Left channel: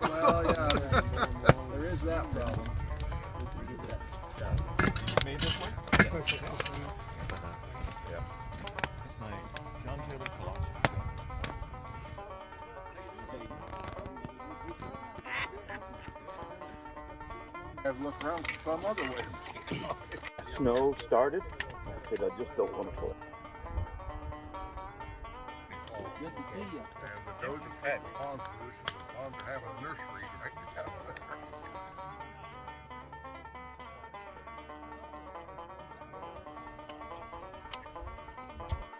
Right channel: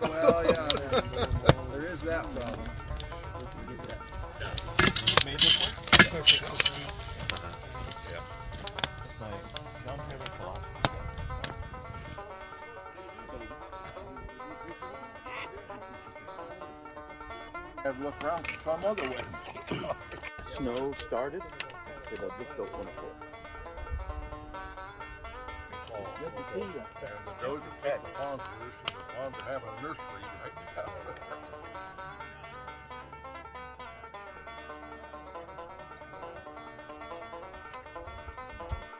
Well, yeah, there is that problem. Made this one? Yeah. That's my non-tailored philosophy. And look around for some other way. Snow started, so they'll just go on full. Good to see you.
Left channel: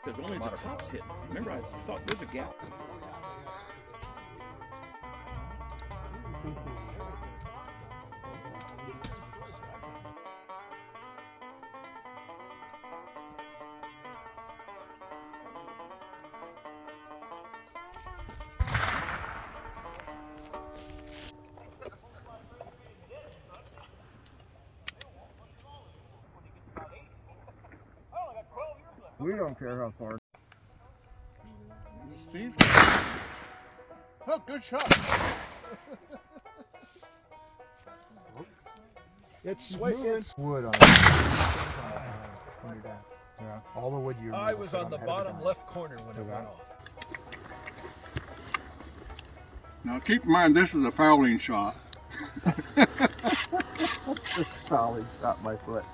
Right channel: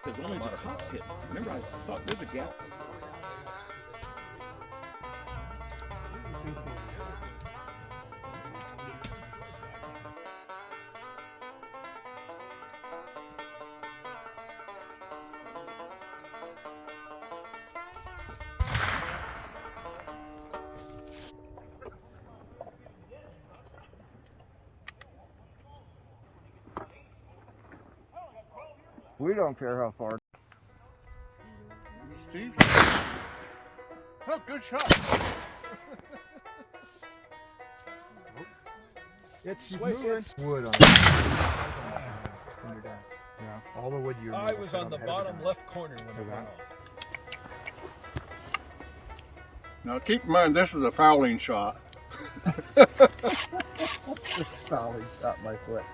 Because only the tops hit. Remember, I thought there's a gap. We don't care how far. Steve? Oh, good shot. It's moving. Wood on it. Yeah, all the wood you. I was on the bottom left corner when it went off. Now keep in mind, this is a fouling shot. This fouling shot my foot.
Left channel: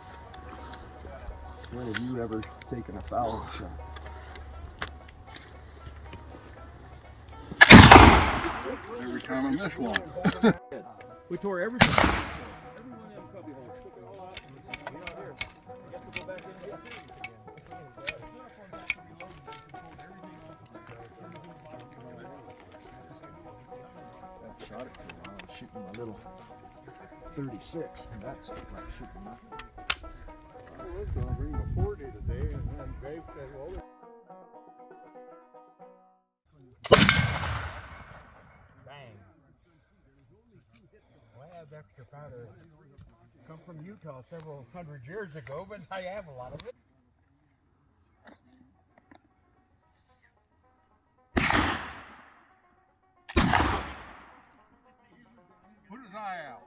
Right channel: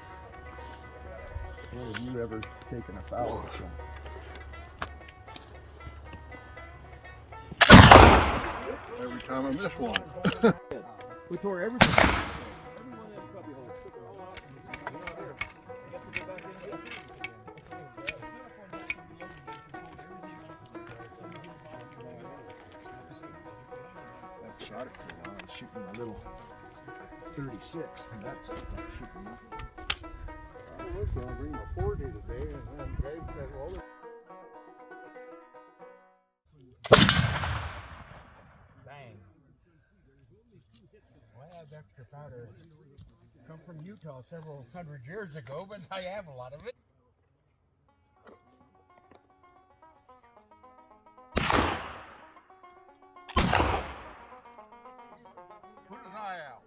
When have you ever taken a fouling shot? Every time I miss one. We tore everything. I shot it for a while. I was shooting my little 36, and that's shooting nothing. I was going to bring my 40 today, and then Dave said, well, bang. Well, I have extra powder. Come from Utah several hundred years ago, but I have a lot of it. Put his eye out.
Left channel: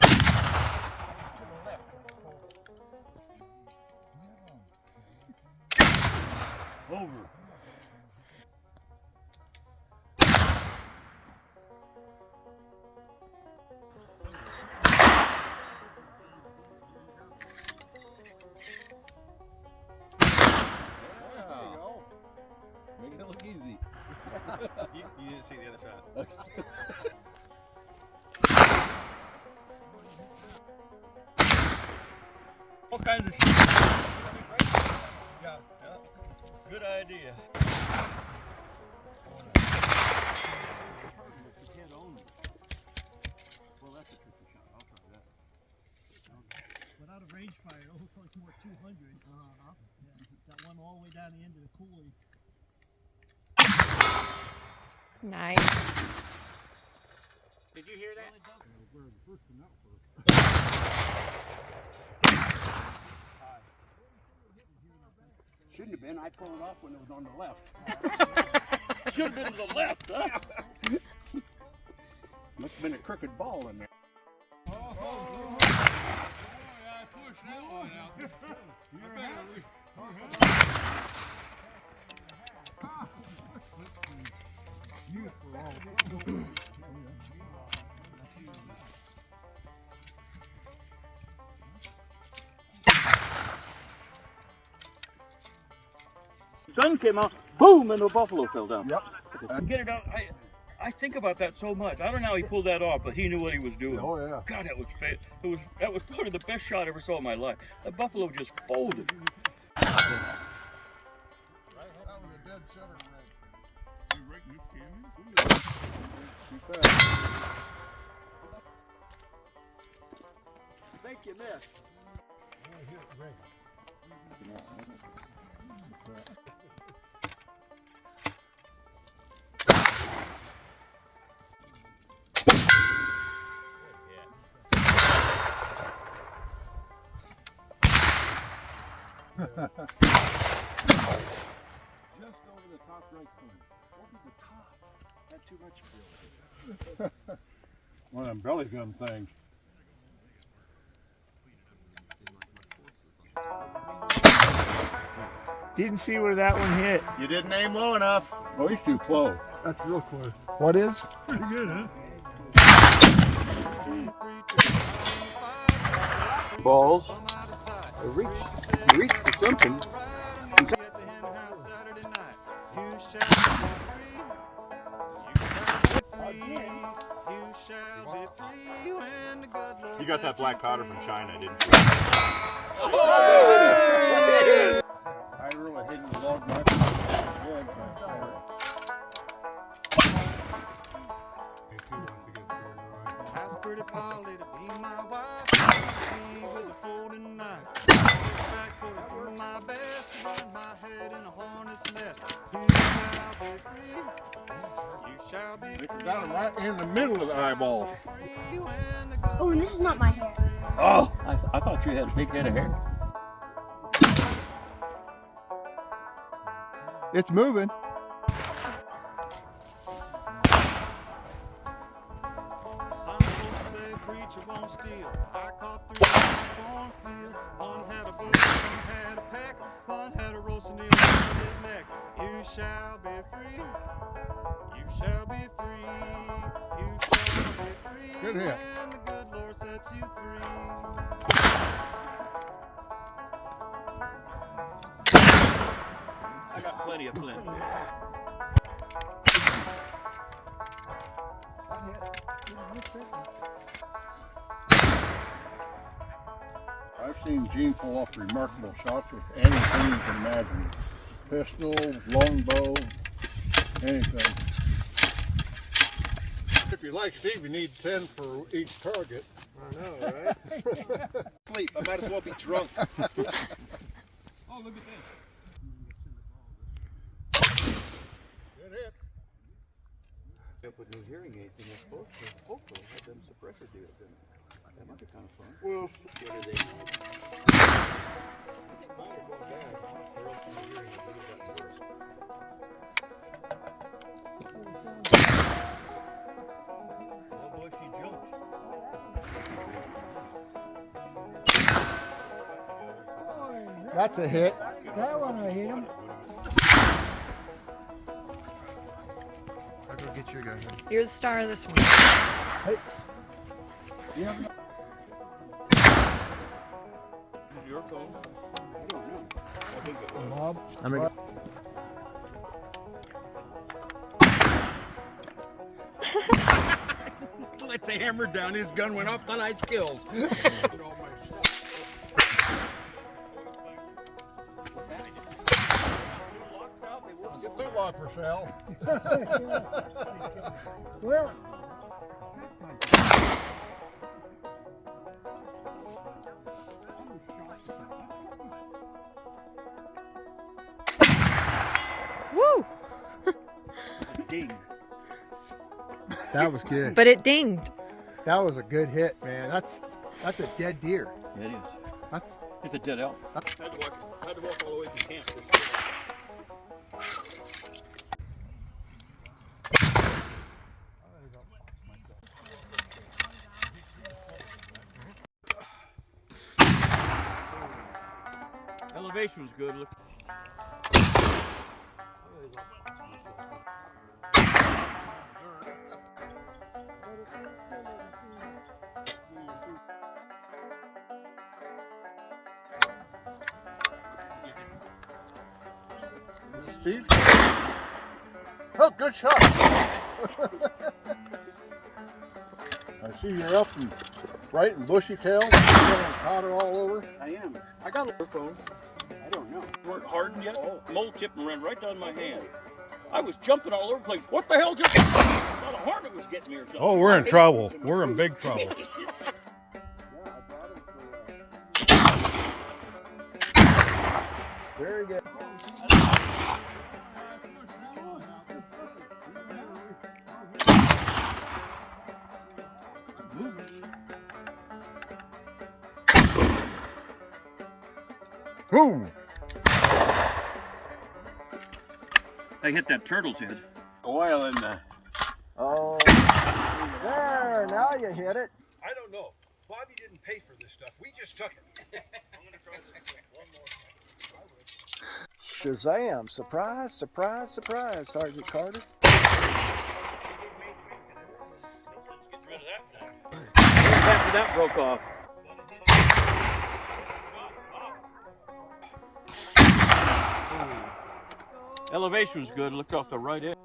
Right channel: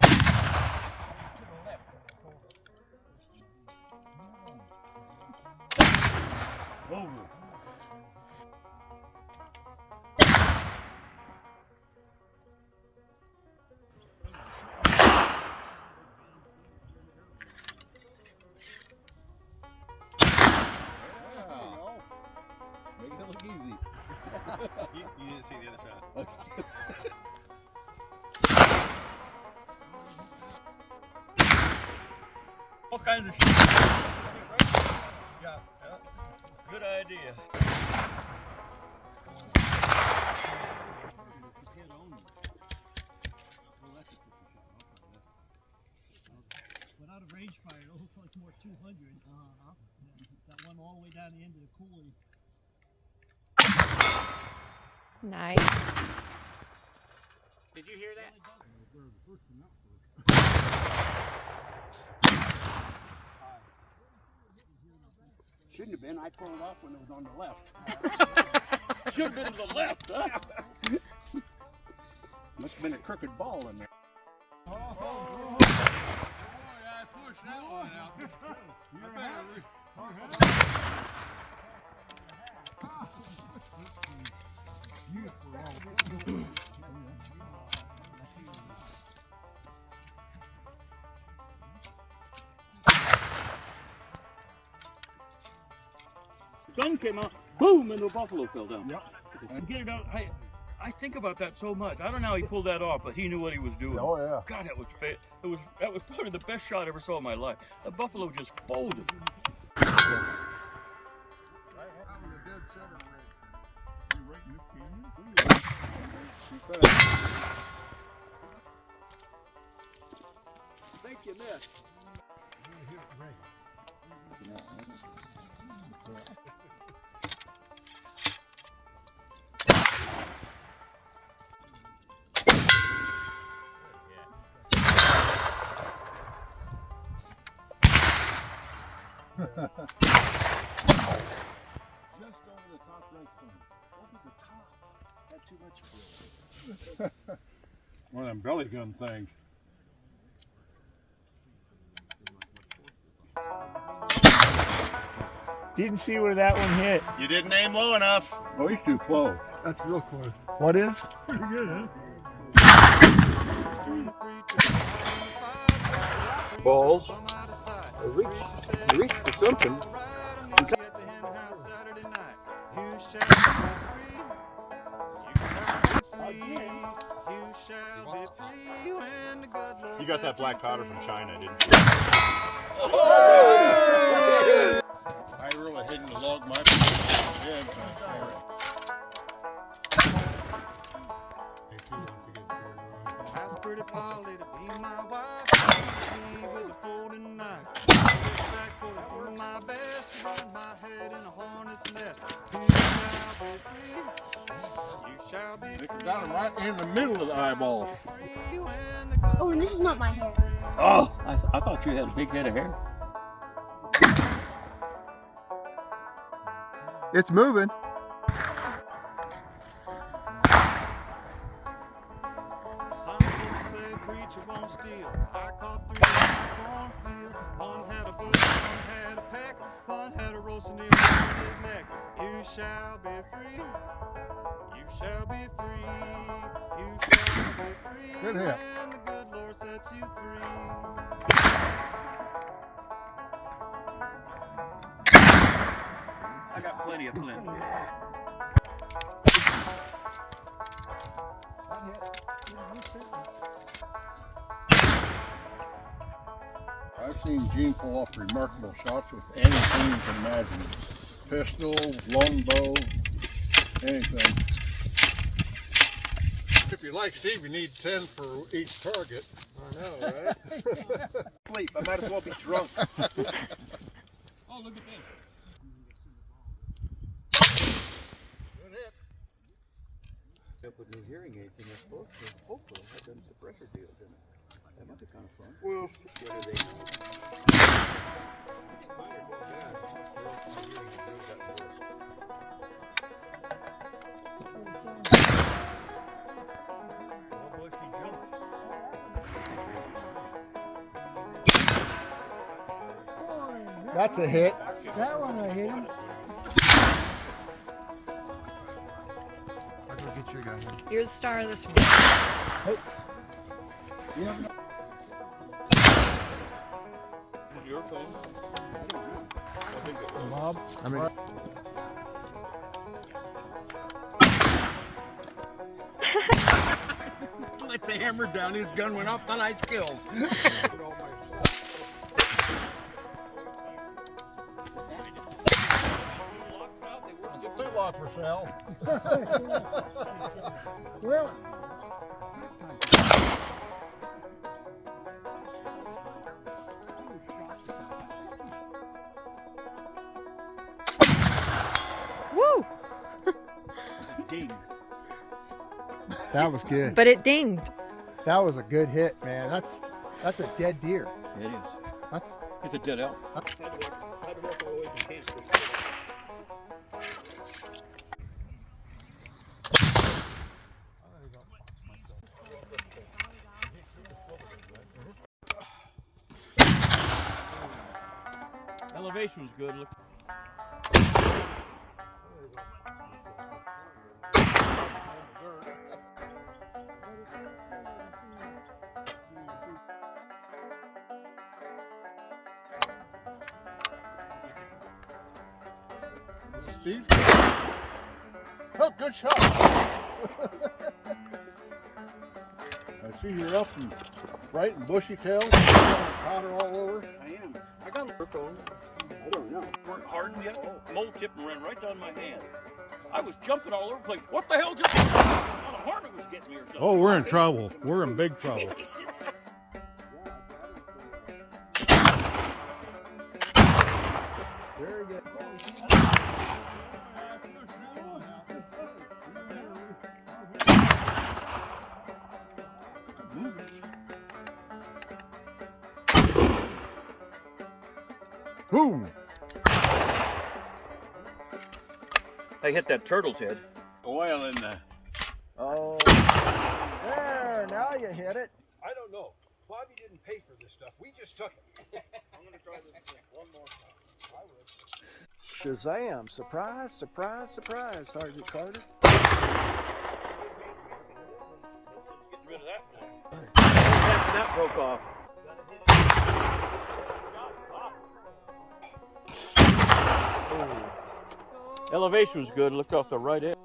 To the left. Over. make it look easy. You didn't see the other shot. All kinds of shit. Yeah. Good idea. Without a range fire, it looks like more 200. Yeah. Got one all the way down the end of the coulee. Nice. Did you hear that? Shouldn't have been. I pulled it off when it was on the left. Should have been to the left, huh? Must have been a crooked ball in there. Oh, yeah, I pushed that one out. Gun came out, boom, and the buffalo fell down. Yep. Get it out. I think about that so much. I don't know how he pulled that off, but he knew what he was doing. Oh yeah. God, that was probably the best shot I ever saw in my life. That buffalo just folded. I think you missed. over the top right corner. Over the top. Had too much fill. One of them belly gun things. Didn't see where that one hit. You didn't aim low enough. Oh, he's too close. That's real close. What is? Pretty good, huh? Balls. Reach for something. You got that black powder from China, didn't you? I really hidden the log my Ask pretty Polly to be my wife. Me with a folding knife. Sit back for to do my best. Run my head in a hornet's nest. You shall be free. You shall be free. Got him right in the middle of the eyeball. Oh, and this is not my hair. Oh, I thought you had a big head of hair. It's moving. Some folks say preacher won't steal. I caught three in my cornfield. One had a bush, one had a peck, one had a roasting eel around his neck. You shall be free. You shall be free. You shall be free. Good hit. When the good Lord sets you free. I got plenty of flint. I've seen Gene pull off remarkable shots with anything you can imagine. Pistol, longbow, anything. If you like Steve, you need 10 for each target. I know, right? Sleep. I might as well be drunk. Oh, look at this. Good hit. Up with new hearing aids in this book, hopefully have them suppressor deals in it. That might be kind of fun. Well, that's a hit. That one I hit him. I did get your gun. You're the star of this one. Hey. You have no- Is it your phone? I don't know. I think it was. Bob? I mean, Let the hammer down, his gun went off, thought I'd killed. It's a flintlock for sale. Well, Woo! Ding. that was good. But it dinged. That was a good hit, man. That's a dead deer. It is. That's It's a dead elk. Elevation was good. Look. Steve? Oh, good shot. I see you're up and right in bushy tail. Powder all over. I am. I got a phone. I don't know. Weren't hardened yet. Mold tip and ran right down my hand. I was jumping all over the place. What the hell just happened? The harder was getting me or something. Oh, we're in trouble. We're in big trouble. very good. Woo! I hit that turtle's head. Oil in the... Oh, there, now you hit it. I don't know. Bobby didn't pay for this stuff. We just took it. I'm gonna try this one more time. Shazam! Surprise, surprise, surprise, Sergeant Carter. Get rid of that now. That broke off. Elevation was good. Looked off the right edge.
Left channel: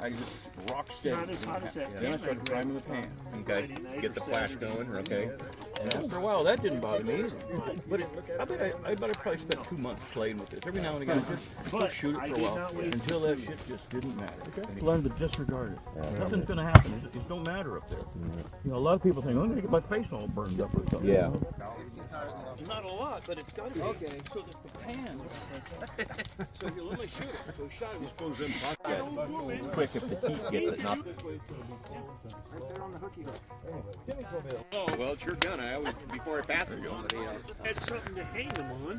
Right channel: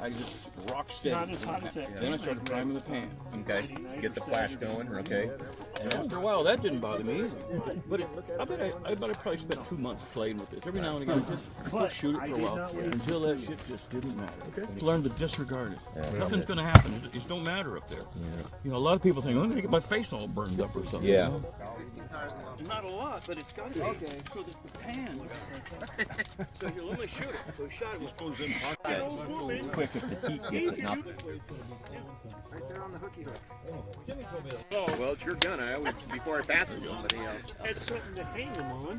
I just rock steady. Then I started priming the pan. Okay, get the flash going. Okay, and after a while, that didn't bother me either. But I bet I probably spent 2 months playing with this. Every now and again, I just shoot it for a while until that shit just didn't matter. Learn to disregard it. Nothing's going to happen. It just don't matter up there. You know, a lot of people think, I'm going to get my face all burned up or something. Yeah. Not a lot, but it's got to be. Okay. So that the pan. So you'll only shoot it. So shot it goes in. It's quick if the heat gets it, not. Oh, well, it's your gun. I always, before I pass it, somebody else. It's something to hang them on.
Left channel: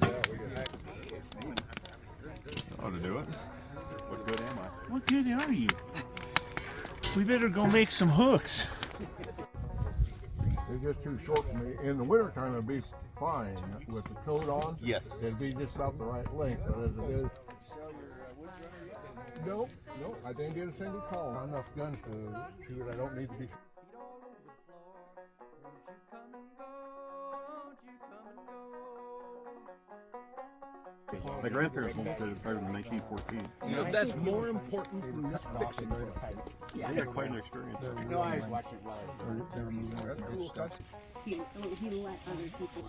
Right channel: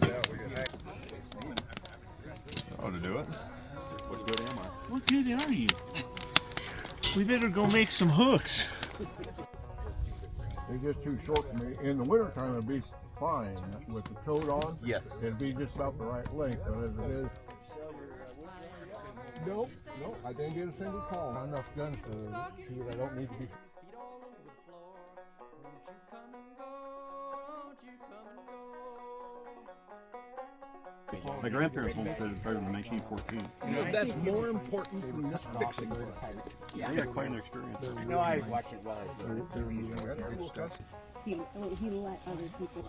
Oh, to do it? What good am I? What good are you? We better go make some hooks. It's just too short for me. In the wintertime, it'd be fine with the coat on. Yes. It'd be just about the right length, but as it is. Nope, I didn't get a single call. Not enough guns to shoot. I don't need to be. My grandparents won't play the card in 1914. You know, that's more important than this fixing. Yeah, I got quite an experience. No, I watch it well. He let other people.